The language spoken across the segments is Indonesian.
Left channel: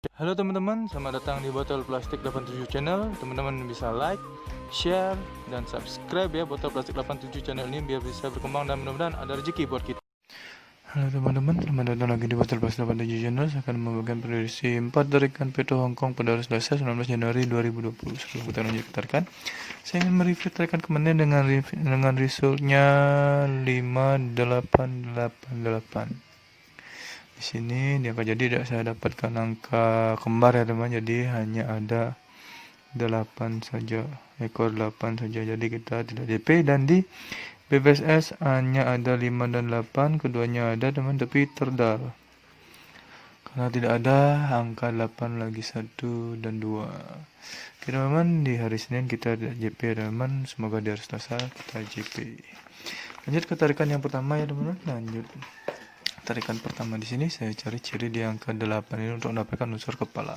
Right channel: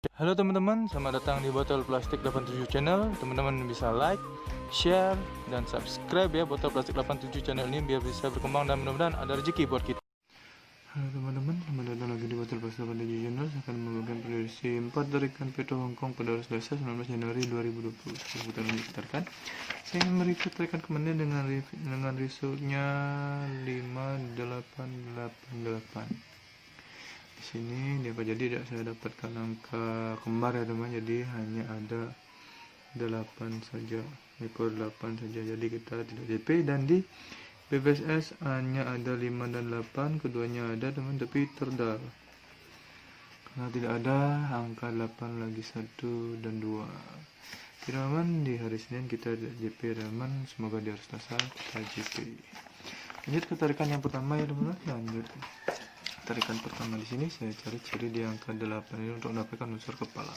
Halo teman-teman, selamat datang di Botol Plastik 87 Channel. Teman-teman bisa like, share, dan subscribe ya Botol Plastik 87 Channel ini biar bisa berkembang dan mudah-mudahan ada rezeki buat kita. Halo teman-teman, selamat datang lagi di Botol Plastik 87 Channel. Saya akan membagikan prediksi 4 dari Kanpeto Hong Kong pada hari Selasa 19 Januari 2020. Sebelum kita lanjut ke tarikan, saya ingin mereview tarikan kemarin dengan resultnya 5888. Di sini dia akan jadi tidak saya dapatkan angka kembar ya teman, jadi hanya ada 8 saja, ekor 8 saja, jadi kita tidak DP. Dan di BBSS hanya ada 5 dan 8, keduanya ada teman, tapi terdal karena tidak ada angka 8 lagi 1 dan 2. Oke teman, di hari Senin kita ada JP teman, semoga di hari Selasa kita JP. Lanjut ke tarikan yang pertama ya teman, lanjut. Tarikan pertama di sini saya cari ciri di angka 8 ini untuk mendapatkan unsur kepala.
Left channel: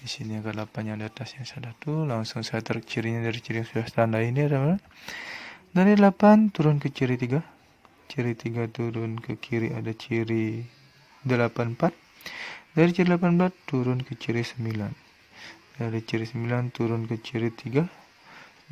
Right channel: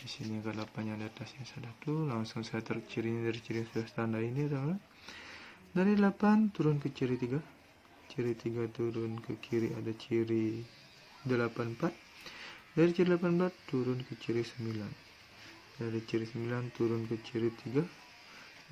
Di sini angka 8-nya di atas yang satu, langsung saya tarik cirinya dari ciri yang sudah standar ini ya teman. Dari 8 turun ke ciri 3. Ciri 3 turun ke kiri ada ciri 84. Dari ciri 18 turun ke ciri 9. Dari ciri 9 turun ke ciri 3.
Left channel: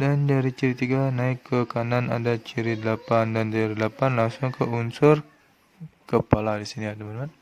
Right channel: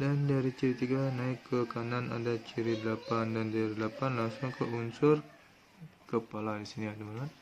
Dan dari ciri 3 naik ke kanan ada ciri 8, dan dari 8 langsung ke unsur kepala di sini ya teman-teman.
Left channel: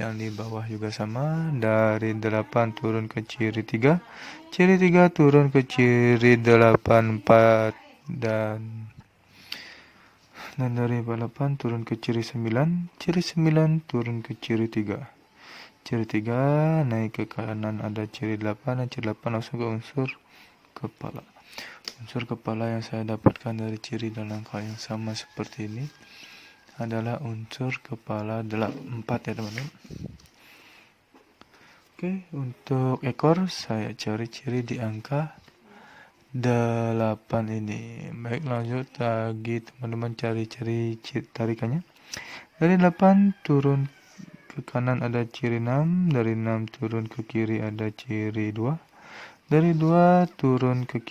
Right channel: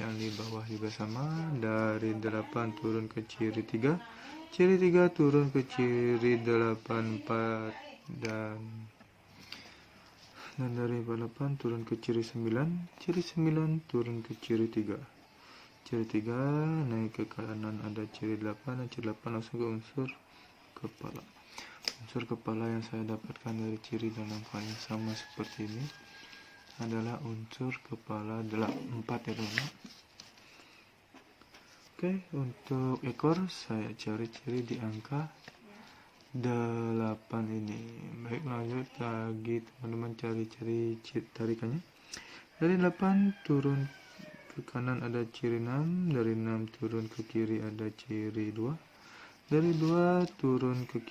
Yang di bawah juga sama, dari 8 turun ke ciri 3, ciri 3 turun ke ciri 84, dan dari 8 turun ke ciri 9, ciri 9 turun ke ciri 3, ciri 3 naik ke kanan ada ciri 8, dan ciri 8 langsung ke unsur kepala. Unsur kepala yang saya dapatkan dari ciri dan angka yang sama seperti ini adalah unsur kepala 4 ya teman-teman. Oke, untuk ekor saya cari ciri di angka 8 ini. Baik, lanjut lagi teman-teman, cari-cari tarikannya. Dari 8 turun ke kanan ada ciri 6, dari 6 turun ke kiri ada ciri 2. Dari 2 turun ke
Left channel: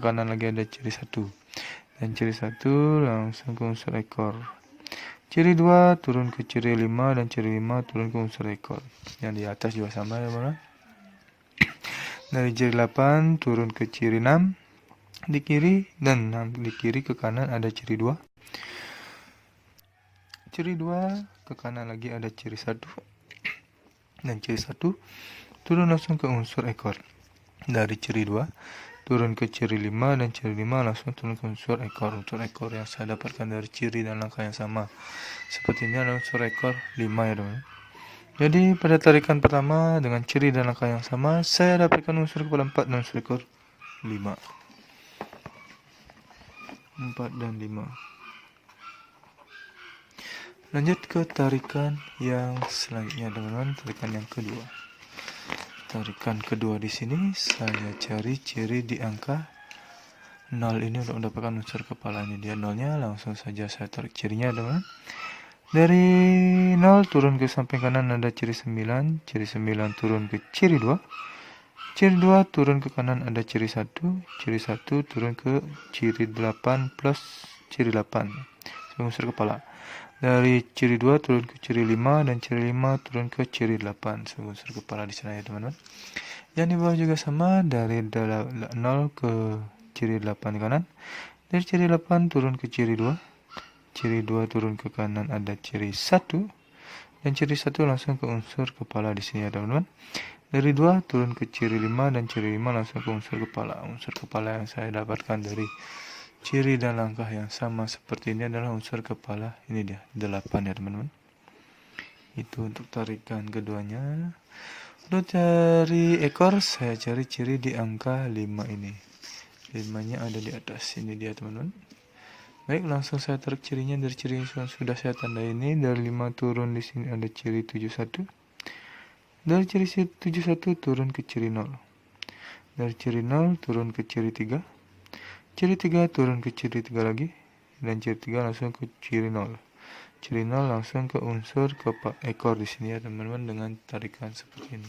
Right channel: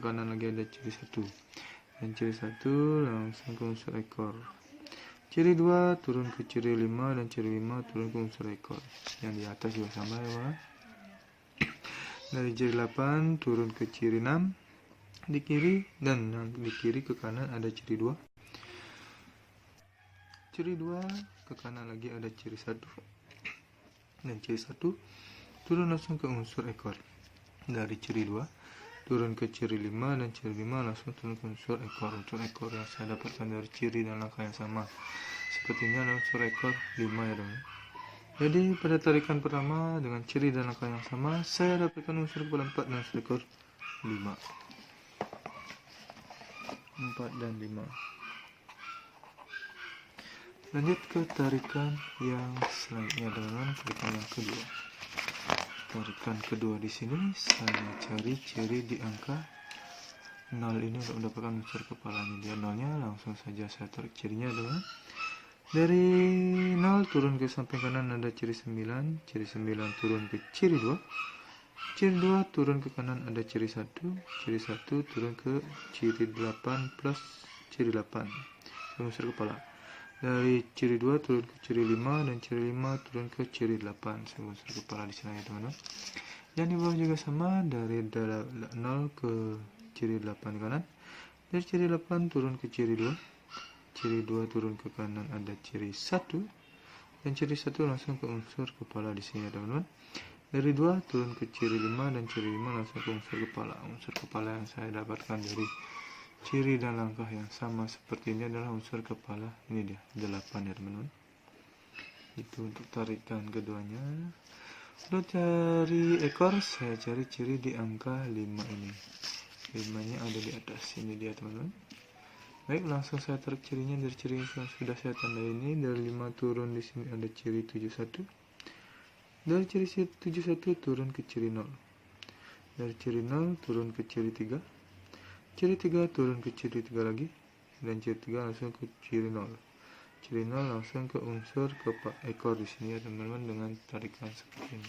kanan lagi ada ciri 1. Dan ciri 1 langsung ke unsur ekor. Ciri 2 turun ke ciri 5, dan ciri 5 turun ke unsur ekor. Yang di atas juga sama ya teman-teman. Dari ciri 8 turun ke ciri 6 di kiri, dan 6 di kiri ke kanan ada ciri 2. Ciri 2 ke kanan lagi ada ciri 1. Dan ciri 1 turun langsung ke unsur ekor. Dari ciri 2 turun ke ciri 5, dan ciri 5 langsung turun ke unsur ekor. Unsur ekor yang saya dapatkan dari ciri dan langkah yang sama seperti ini adalah unsur ekor 5 ya teman. Jadi pada tarikan pertama dengan ciri dan langkah yang sama, saya dapatkan unsur kepala 4 dan unsur ekor 5. 4 dan 5. Lanjut ke tarikan yang selanjutnya teman-teman, tarikan yang kedua. Tarikan kedua di sini saya cari ciri di angka 0 ini untuk mendapatkan unsur kepala. Ini dia 0-nya, langsung saja saya tarik cirinya teman-teman. Dari 0 turun ke samping kanan ada ciri 9, ciri 9 turun ke ciri 2, ciri 2 turun ke kanan ada ciri 1, ciri 1 turun ke ciri 8 plus ciri 8 unsur kepala. Dari ciri 2 turun ke ciri 5, dan ciri 5 turun ke ciri 8 unsur kepala di sana ya teman-teman. Yang di bawah juga sama, dari 0 ke ciri 8 di kanan. Dari ciri 8 turun ke ciri 2, ciri 2 turun ke kanan ada ciri 1, dan ciri 1 langsung ke unsur kepala di sini ya teman-teman. Dari 2 turun ke ciri 5, dan ciri 5 langsung ke unsur kepala. Unsur kepala yang saya dapatkan dari ciri dan langkah yang sama seperti ini adalah unsur kepala. Ini dia 8 ya teman-teman. Itu untuk tarikan keduanya. Untuk cari ekor saya cari ciri di angka 5 ini. 5-nya ada di atas. Ini dia teman-teman. Baik, langsung saya tarik cirinya dari ciri yang sudah saya tandai ini. Dari 5 turun di sini ada ciri 71. Dari ciri 71 turun ke ciri 0. Dari ciri 0 turun ke ciri 3. Ciri 3 turun ke ciri 3 lagi, dan ciri 3 langsung ke ciri 0. Ciri 0 langsung ke unsur ekor di sini ya teman-teman, dengan tarikan seperti ini.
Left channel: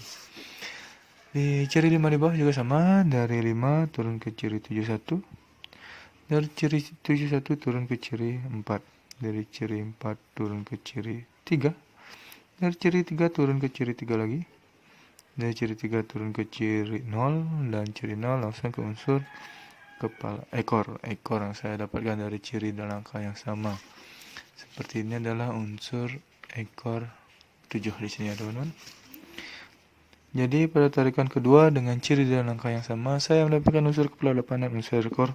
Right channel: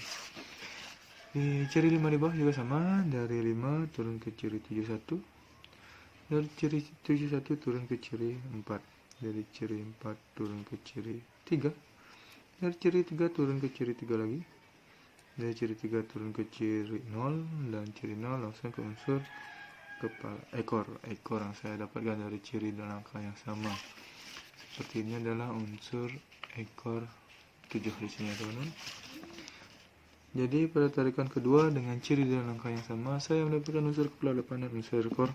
Di ciri 5 di bawah juga sama, dari 5 turun ke ciri 71. Dari ciri 71 turun ke ciri 4. Dari ciri 4 turun ke ciri 3. Dari ciri 3 turun ke ciri 3 lagi. Dari ciri 3 turun ke ciri 0, dan ciri 0 langsung ke unsur kepala ekor yang saya dapatkan dari ciri dan angka yang sama. Seperti ini adalah unsur ekor 7 di sini ya teman-teman. Jadi pada tarikan kedua dengan ciri dan angka yang sama, saya mendapatkan unsur kepala 8 dan unsur ekor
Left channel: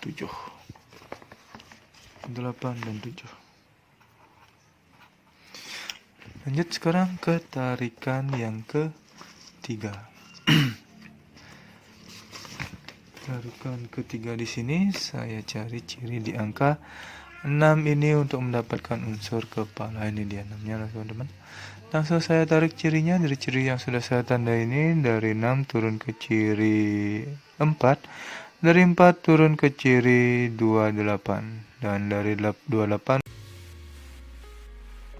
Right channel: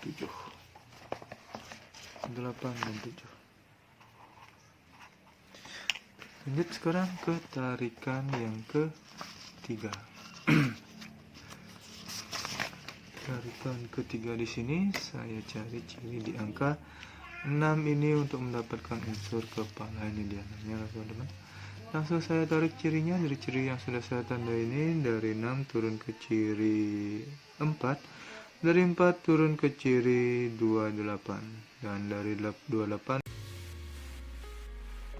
7. 8 dan 7. Lanjut sekarang ke tarikan yang ketiga. Tarikan ketiga di sini saya cari ciri di angka 6 ini untuk mendapatkan unsur kepala. Ini dia namanya teman-teman. Langsung saya tarik cirinya dari ciri yang sudah saya tandai ini. Dari 6 turun ke ciri 4. Dari 4 turun ke ciri 28. Dan dari 28.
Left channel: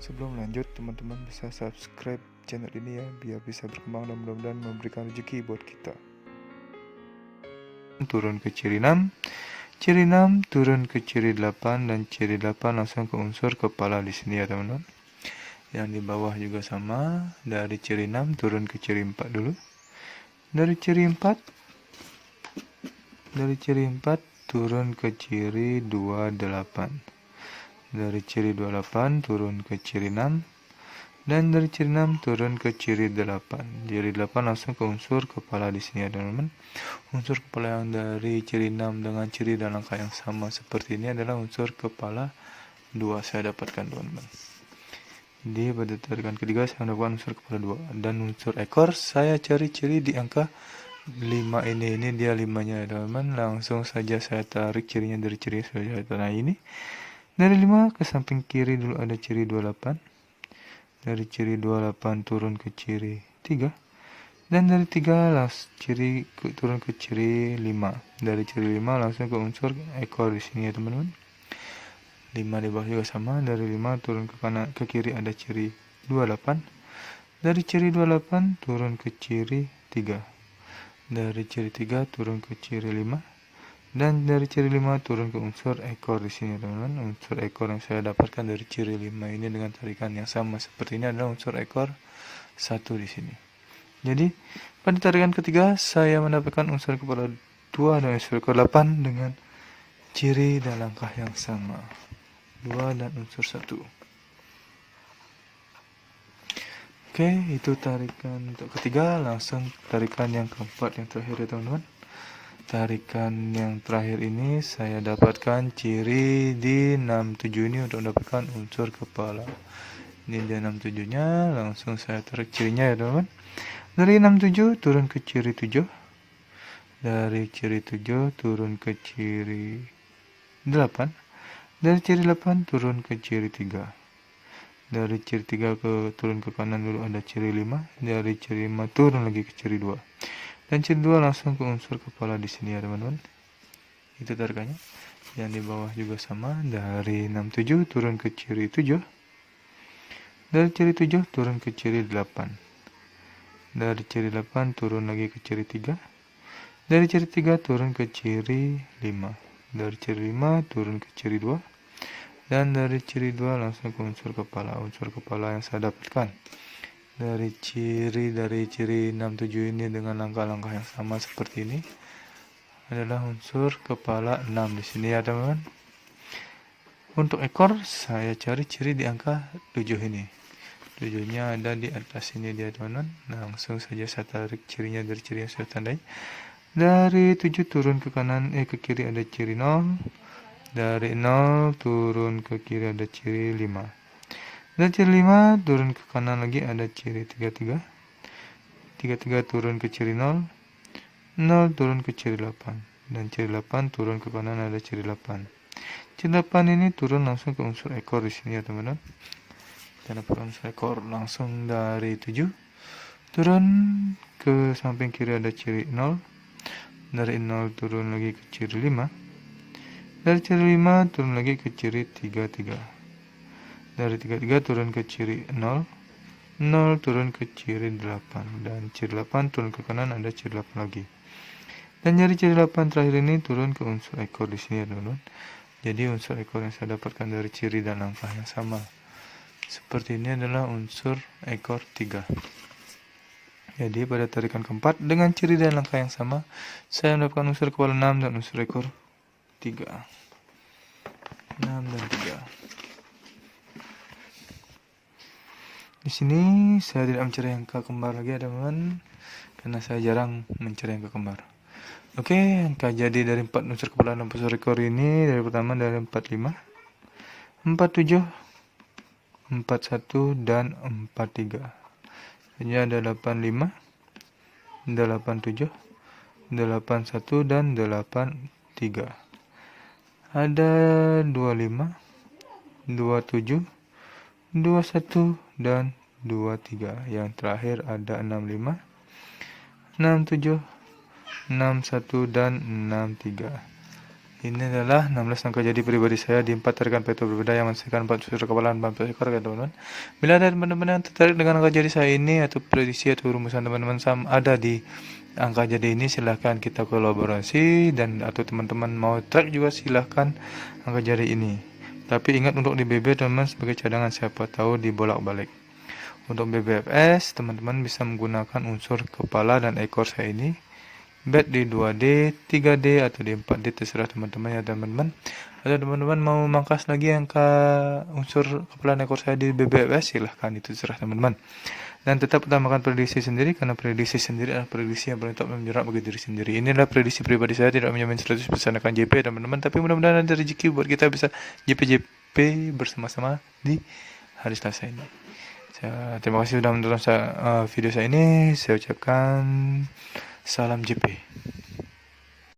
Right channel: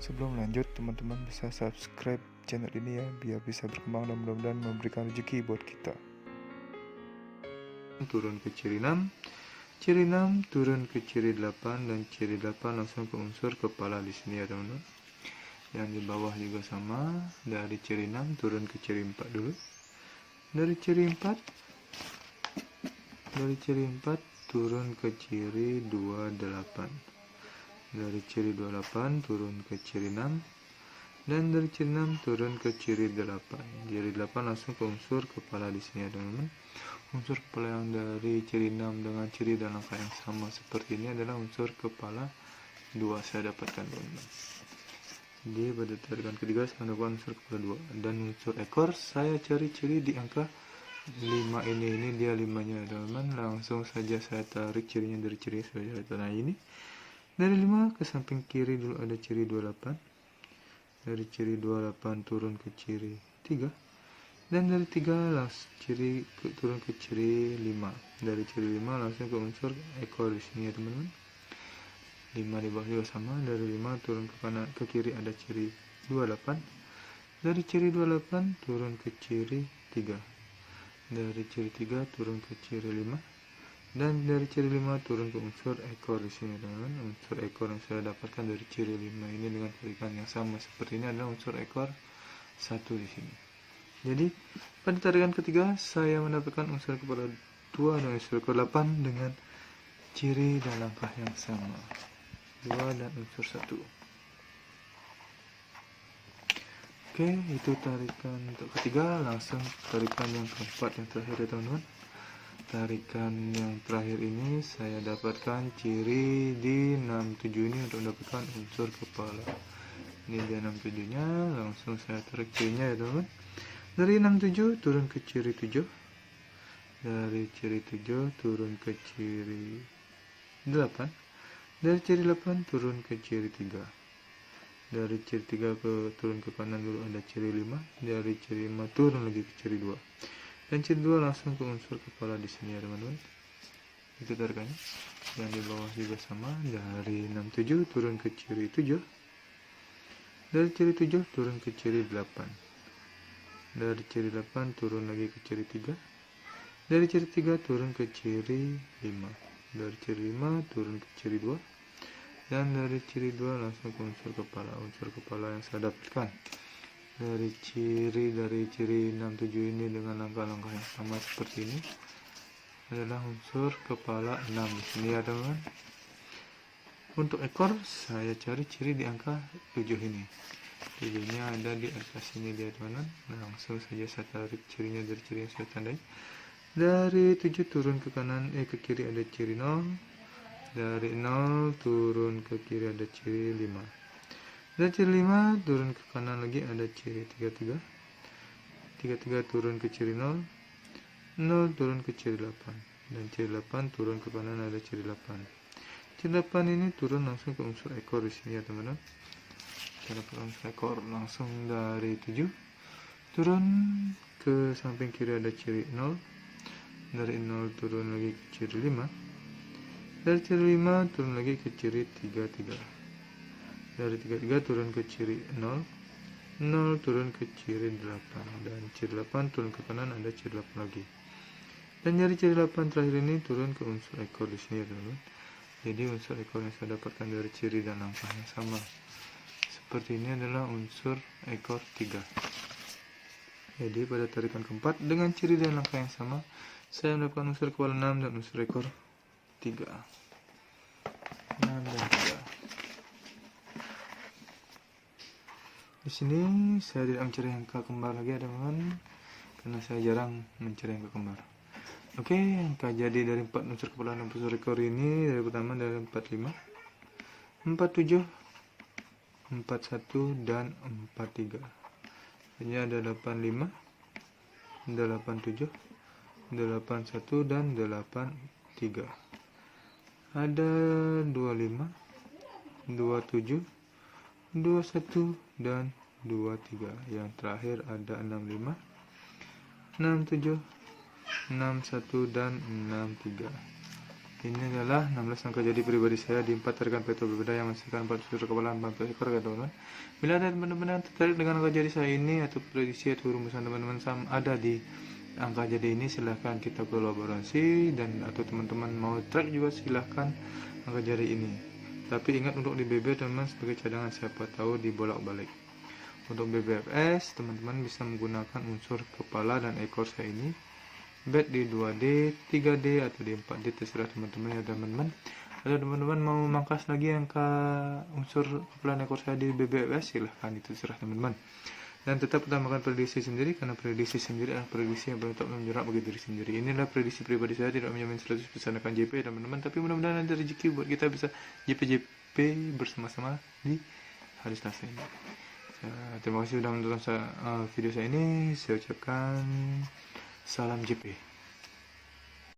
Sebelum lanjut, teman-teman bisa subscribe channel ini ya, biar bisa berkembang dan mudah-mudahan memberikan rezeki buat kita. Turun ke ciri 6. Ciri 6 turun ke ciri 8, dan ciri 8 langsung ke unsur kepala di sini ya teman-teman. Yang di bawah juga sama, dari ciri 6 turun ke ciri 4 dulu. Dari ciri 4 turun ke ciri 28. Dari ciri 28 turun ke ciri 6. Dan dari ciri 6 turun ke ciri 8. Ciri 8 langsung ke unsur kepala di sini ya teman-teman. Unsur kepala yang dari ciri 6 dengan ciri dan angka yang sama seperti ini adalah unsur kepala 2 saya dapatkan teman-teman. Di pada tarikan ketiga saya mendapatkan unsur kepala 2. Dan unsur ekor saya cari ciri di angka 5 ini dia 5-nya ya teman-teman. Langsung saja saya tarik cirinya dari ciri saya tanah ini. Dari 5 ke samping kiri dulu ada ciri 28. Dari ciri 28 turun ke ciri 3. Dan dari 3 turun ke ciri 5. Dari ciri 5 langsung ke unsur ekor di sini ya teman-teman. 5 di bawah juga sama. Dari 5 turun ke kanan ke kiri ada ciri 28. Dari ciri 28 turun ke ciri 3. Dari ciri 3 turun ke ciri 5. Dan dari ciri 5 turun ke unsur ekor di sini teman-teman. Unsur ekor yang saya dapatkan dari ciri 5 ini dengan tarikan yang sama seperti ini adalah unsur ekor 1 di sini. Jadi pada tarikan ketiga saya mendapatkan unsur kepala 2 dan unsur ekor 8 dengan ciri dan langkah yang sama. 2 dan unsur 1. Oke, itu tarikan untuk ketiga. Langsung tarikan yang keempat yang terakhir ya teman-teman. Tarikan yang terakhir ini saya dapatkan ciri di 67 ini untuk mendapatkan unsur kepala. Ini dia 67 nya, langsung saya tarik cirinya ya teman-teman. Dari 67 turun ke ciri 7. Dari ciri 7 turun ke ciri 8. Dari ciri 8 turun ke ciri 3. Dari ciri 3 turun ke kanan dulu ada ciri 5. Dari ciri 5 turun lagi ke ciri 2. Dan ciri 2 langsung ke unsur kepala di sini ya teman-teman. Itu tarikannya. Yang di bawah juga sama. Dari 67 turun ke ciri 7. Dari ciri 7 turun ke ciri 8. Dari ciri 8 turun lagi ke ciri 3. Dari ciri 3 turun ke ciri 5. Dari ciri 5 turun ke ciri 2. Dan dari ciri 2 langsung ke unsur kepala. Unsur kepala yang saya dapatkan dari ciri 67 ini dengan langkah-langkah yang sama seperti ini adalah unsur kepala 6 di sini ya teman-teman. Untuk ekor saya cari ciri di angka 7 ini. 7-nya ada di atas sini dia teman-teman. Langsung saja saya tarik cirinya dari ciri yang saya tandai. Dari 7 turun ke kanan ke kiri ada ciri 0. Dari 0 turun ke kiri ada ciri 5. Dari ciri 5 turun ke kanan lagi ada ciri 33. 33 turun ke ciri 0. 0 turun ke ciri 8. Dan ciri 8 turun ke kanan ada ciri 8. Ciri 8 ini turun langsung ke unsur ekor di sini ya teman-teman. Kita dapat unsur ekor langsung dari 7. Turun ke samping kiri ada ciri 0. Dari 0 turun lagi ke ciri 5. Dari ciri 5 turun lagi ke ciri 33. Dari 33 turun ke ciri 0. 0 turun ke ciri 8. Dan ciri 8 turun ke kanan ada ciri 8 lagi. Dan dari ciri 8 terakhir ini turun ke unsur ekor di sini ya teman-teman. Jadi unsur ekor yang saya dapatkan dari ciri dan angka yang sama seperti ini adalah unsur ekor 3. Jadi pada tarikan keempat dengan ciri dan langkah yang sama, saya mendapatkan unsur kepala 6 dan unsur ekor 3. 6 dan 3. Di sini saya tidak mencari angka kembar lagi ya teman-teman, karena saya jarang mencari angka kembar. Oke, angka jadi dari 4 unsur kepala 6 unsur ekor ini, dari pertama dari 45, 47, 41 dan 43. Ini ada 85, 87, 81 dan 83. Ada 25, 27, 21 dan 23. Yang terakhir ada 65, 67, 61 dan 63. Ini adalah 16 angka jadi pribadi saya di 4 tarikan veto berbeda yang menghasilkan 4 unsur kepala 4 ekor ya teman-teman. Bila ada teman-teman yang tertarik dengan angka jadi saya ini atau prediksi atau rumusan teman-teman ada di angka jadi ini, silahkan kita kolaborasi, dan atau teman-teman mau track juga silahkan angka jadi ini. Tapi ingat untuk di BB teman-teman sebagai cadangan, siapa tahu dibolak-balik. Untuk BBFS teman-teman bisa menggunakan unsur kepala dan ekor saya ini, bet di 2D, 3D atau di 4D, terserah teman-teman ya teman-teman. Atau teman-teman mau mangkas lagi angka unsur kepala dan ekor saya di BBFS, silahkan, itu terserah teman-teman. Dan tetap utamakan prediksi sendiri, karena prediksi sendiri adalah prediksi yang paling tak menjerat bagi diri sendiri. Inilah prediksi pribadi saya, tidak menjamin 100% akan JP teman-teman, tapi mudah-mudahan ada rezeki buat kita bisa JP bersama-sama di hari Selasa ini. Terima kasih sudah menonton video saya ini. Saya ucapkan salam JP.